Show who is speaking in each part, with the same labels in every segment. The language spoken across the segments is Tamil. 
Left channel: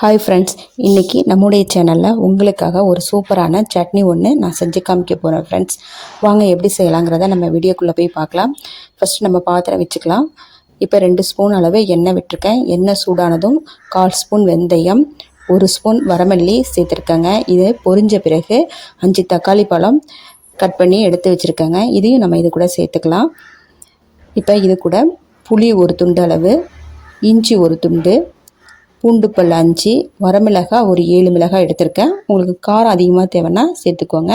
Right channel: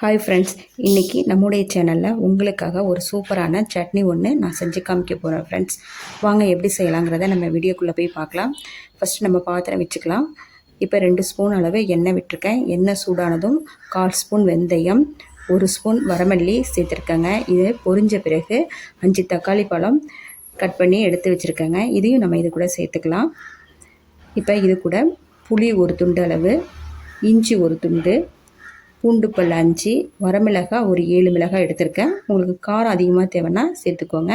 Speaker 1: ஹாய் ஃப்ரெண்ட்ஸ் இன்றைக்கி நம்முடைய சேனலில் உங்களுக்காக ஒரு சூப்பரான சட்னி ஒன்று நான் செஞ்சு காமிக்க போகிறேன் ஃப்ரெண்ட்ஸ் வாங்க எப்படி செய்யலாங்கிறத நம்ம வீடியோக்குள்ளே போய் பார்க்கலாம். ஃபஸ்ட்டு நம்ம பாத்திரம் வச்சுக்கலாம். இப்போ ரெண்டு ஸ்பூன் அளவு எண்ணெய் விட்டுருக்கேன். எண்ணெய் சூடானதும் கால் ஸ்பூன் வெந்தயம் ஒரு ஸ்பூன் வரமல்லி சேர்த்துருக்கேங்க. இது பொரிஞ்ச பிறகு அஞ்சு தக்காளி பழம் கட் பண்ணி எடுத்து வச்சுருக்கேங்க. இதையும் நம்ம இது கூட சேர்த்துக்கலாம். இப்போ இது கூட புளி ஒரு துண்டு அளவு இஞ்சி ஒரு துண்டு பூண்டு பல் அஞ்சு வரமிளகாய் ஒரு ஏழு மிளகாய் எடுத்திருக்கேன். உங்களுக்கு காரம் அதிகமாக தேவைன்னா சேர்த்துக்கோங்க.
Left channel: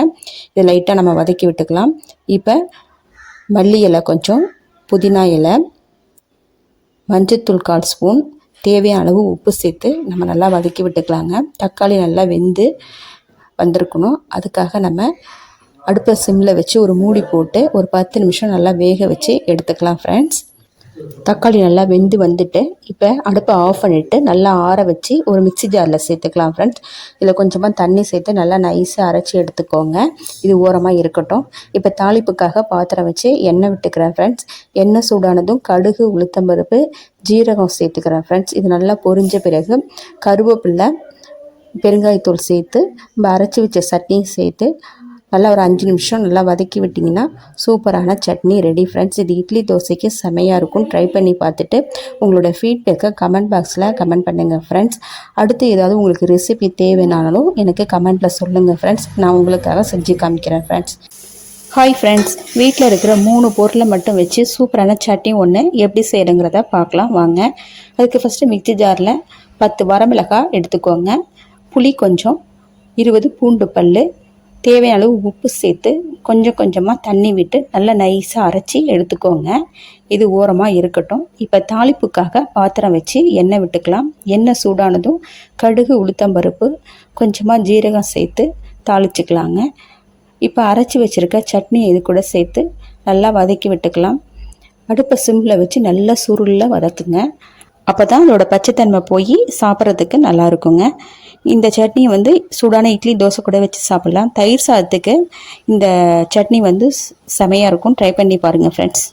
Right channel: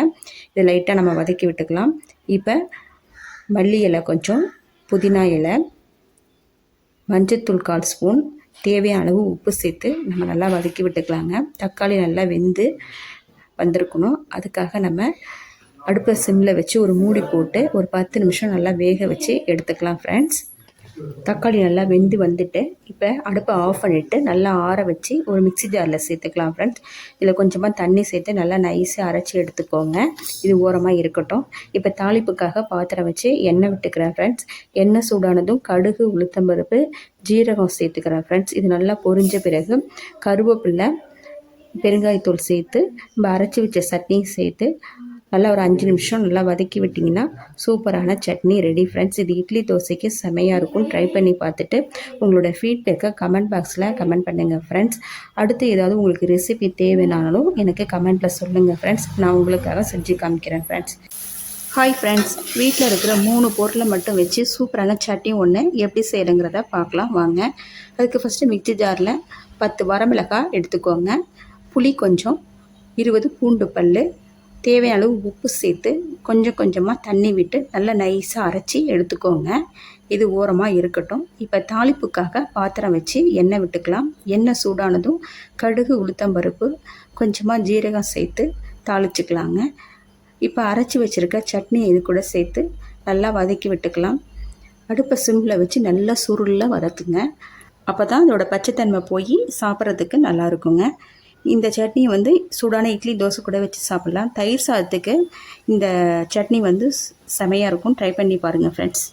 Speaker 1: இதை லைட்டாக நம்ம வதக்கி விட்டுக்கலாம். இப்போ மல்லி இலை கொஞ்சம் புதினா இலை மஞ்சத்தூள் கால் ஸ்பூன் தேவையான அளவு உப்பு சேர்த்து நம்ம நல்லா வதக்கி விட்டுக்கலாங்க. தக்காளி நல்லா வெந்து வந்திருக்கணும். அதுக்காக நம்ம அடுப்பை சிம்மில் வச்சு ஒரு மூடி போட்டு ஒரு பத்து நிமிஷம் நல்லா வேக வச்சு எடுத்துக்கலாம் ஃப்ரெண்ட்ஸ் தக்காளி நல்லா வெந்து வந்துட்டு இப்போ அடுப்பை ஆஃப் பண்ணிவிட்டு நல்லா ஆற வச்சு ஒரு மிக்சி ஜாரில் சேர்த்துக்கலாம் ஃப்ரெண்ட்ஸ் இதில் கொஞ்சமாக தண்ணி சேர்த்து நல்லா நைஸாக அரைச்சி எடுத்துக்கோங்க. இது ஓரமாக இருக்கட்டும். இப்போ தாளிப்புக்காக பாத்திரம் வச்சு எண்ணெய் விட்டுக்கிறேன் ஃப்ரெண்ட்ஸ் எண்ணெய் சூடானதும் கடுகு உளுத்தம்பருப்பு ஜீரகம் சேர்த்துக்கிறேன் ஃப்ரெண்ட்ஸ் இது நல்லா பொரிஞ்ச பிறகு கருவேப்பில்லை பெருங்காயத்தூள் சேர்த்து நம்ம அரைச்சி வச்ச சட்னியும் சேர்த்து நல்லா ஒரு அஞ்சு நிமிஷம் நல்லா வதக்கி விட்டிங்கன்னா சூப்பரான சட்னி ரெடி ஃப்ரெண்ட்ஸ் இது இட்லி தோசைக்கு செமையாக இருக்கும். ட்ரை பண்ணி பார்த்துட்டு உங்களோட ஃபீட்பேக்கை கமெண்ட் பாக்ஸில் கமெண்ட் பண்ணுங்கள் ஃப்ரெண்ட்ஸ் அடுத்து ஏதாவது உங்களுக்கு ரெசிபி தேவைனாலும் எனக்கு கமெண்ட்டில் சொல்லுங்கள் ஃப்ரெண்ட்ஸ் நான் உங்களுக்காக செஞ்சு காமிக்கிறேன் ஃப்ரெண்ட்ஸ் ஹாய் ஃப்ரெண்ட்ஸ் வீட்டில் இருக்கிற மூணு பொருளை மட்டும் வச்சு சூப்பரான சட்னி ஒன்று எப்படி செய்யணுங்கிறத பார்க்கலாம். வாங்க. அதுக்கு ஃபஸ்ட்டு மிக்சி ஜாரில் பத்து வரமிளகாய் எடுத்துக்கோங்க. புளி கொஞ்சம். இருபது பூண்டு பல் தேவையான அளவு உப்பு சேர்த்து கொஞ்சம் கொஞ்சமாக தண்ணி விட்டு நல்லா நைஸாக அரைச்சி எடுத்துக்கோங்க. இது ஓரமாக இருக்கட்டும். இப்போ தாளிப்புக்காக பாத்திரம் வச்சு எண்ணெய் விட்டுக்கலாம். எண்ணெய் சூடானதும் கடுகு உளுத்தம்பருப்பு கொஞ்சமாக ஜீரகம் சேர்த்து தாளிச்சுக்கலாங்க. இப்போ அரைச்சி வச்சுருக்க சட்னி இது கூட சேர்த்து நல்லா வதக்கி விட்டுக்கலாம். அடுப்பை சிம்மில் வச்சு நல்லா சுருளில் வதக்குங்க. அப்போ தான் அதோட பச்சைத்தன்மை போய் சாப்பிட்றதுக்கு நல்லா இருக்குங்க இந்த சட்னி வந்து சூடான இட்லி தோசை கூட வச்சு சாப்பிட்லாம். தயிர் சாதத்துக்கு இந்த சட்னி வந்து செமையாக இருக்கும். ட்ரை பண்ணி பாருங்கள் ஃப்ரெண்ட்ஸ்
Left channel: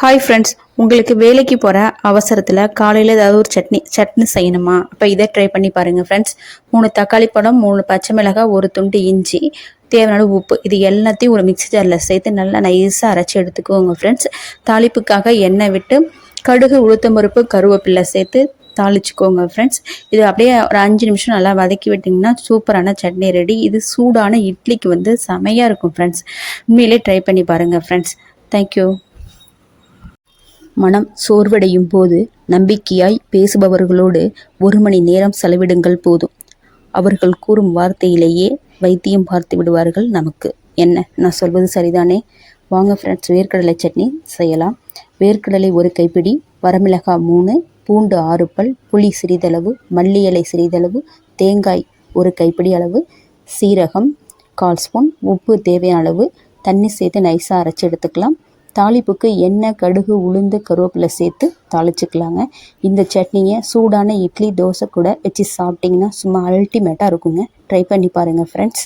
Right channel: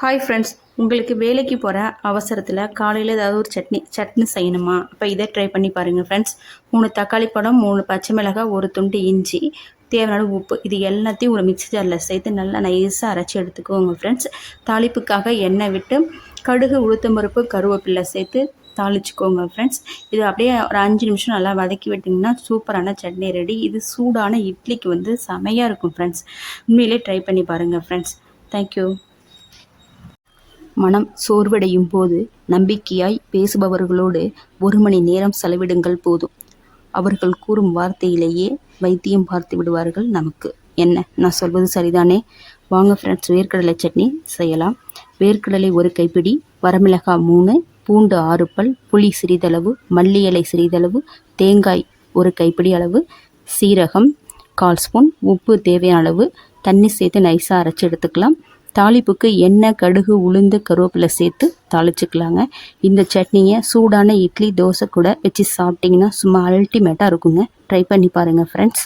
Speaker 1: ஹாய் ஃப்ரெண்ட்ஸ் உங்களுக்கு வேலைக்கு போகிற அவசரத்தில் காலையில் ஏதாவது ஒரு சட்னி சட்னி செய்யணுமா? அப்போ இதை ட்ரை பண்ணி பாருங்கள் ஃப்ரெண்ட்ஸ் மூணு தக்காளி பழம் மூணு பச்சை மிளகாய் ஒரு துண்டு இஞ்சி தேவையான உப்பு. இது எல்லாத்தையும் ஒரு மிக்சி ஜாரில் சேர்த்து நல்லா நைஸாக அரைச்சி எடுத்துக்கோங்க ஃப்ரெண்ட்ஸ் தாளிப்புக்காக எண்ணெய் விட்டு கடுகு உளுத்தம்பருப்பு கருவேப்பிலை சேர்த்து தாளிச்சுக்கோங்க ஃப்ரெண்ட்ஸ் இது அப்படியே ஒரு அஞ்சு நிமிஷம் நல்லா வதக்கி விட்டிங்கன்னா சூப்பரான சட்னி ரெடி இது சூடான இட்லிக்கு வந்து செமையாக இருக்கும் ஃப்ரெண்ட்ஸ் உண்மையிலே ட்ரை பண்ணி பாருங்கள் ஃப்ரெண்ட்ஸ் தேங்க்யூ மனம் சோர்வடையும் போது நம்பிக்கையாய் பேசுபவர்களோடு ஒரு மணி நேரம் செலவிடுங்கள் போதும். அவர்கள் கூறும் வார்த்தையிலேயே வைத்தியம் பார்த்து விடுவார்கள் நமக்கு. என்ன? நான் சொல்வது சரிதானே? வாங்க ஃப்ரெண்ட்ஸ் வேர்க்கடலை சட்னி செய்யலாம். வேர்க்கடலை ஒரு கைப்பிடி வரமிளகாய் மூணு பூண்டு ஆறு பல் புளி சிறிதளவு மல்லி இலை சிறிதளவு தேங்காய் ஒரு கைப்பிடி அளவு சீரகம் கால் ஸ்பூன் உப்பு தேவையான அளவு தண்ணி சேர்த்து நைஸாக அரைச்சி எடுத்துக்கலாம். தாளிப்புக்கு எண்ணெய் கடுகு உளுந்து கருவேப்பிலை சேர்த்து தாளிச்சுக்கலாங்க. இந்த சட்னியை சூடான இட்லி தோசை கூட வச்சு சாப்பிட்டிங்கன்னா சும்மா அல்டிமேட்டாக இருக்குங்க. ட்ரை பண்ணி பாருங்கள் ஃப்ரெண்ட்ஸ்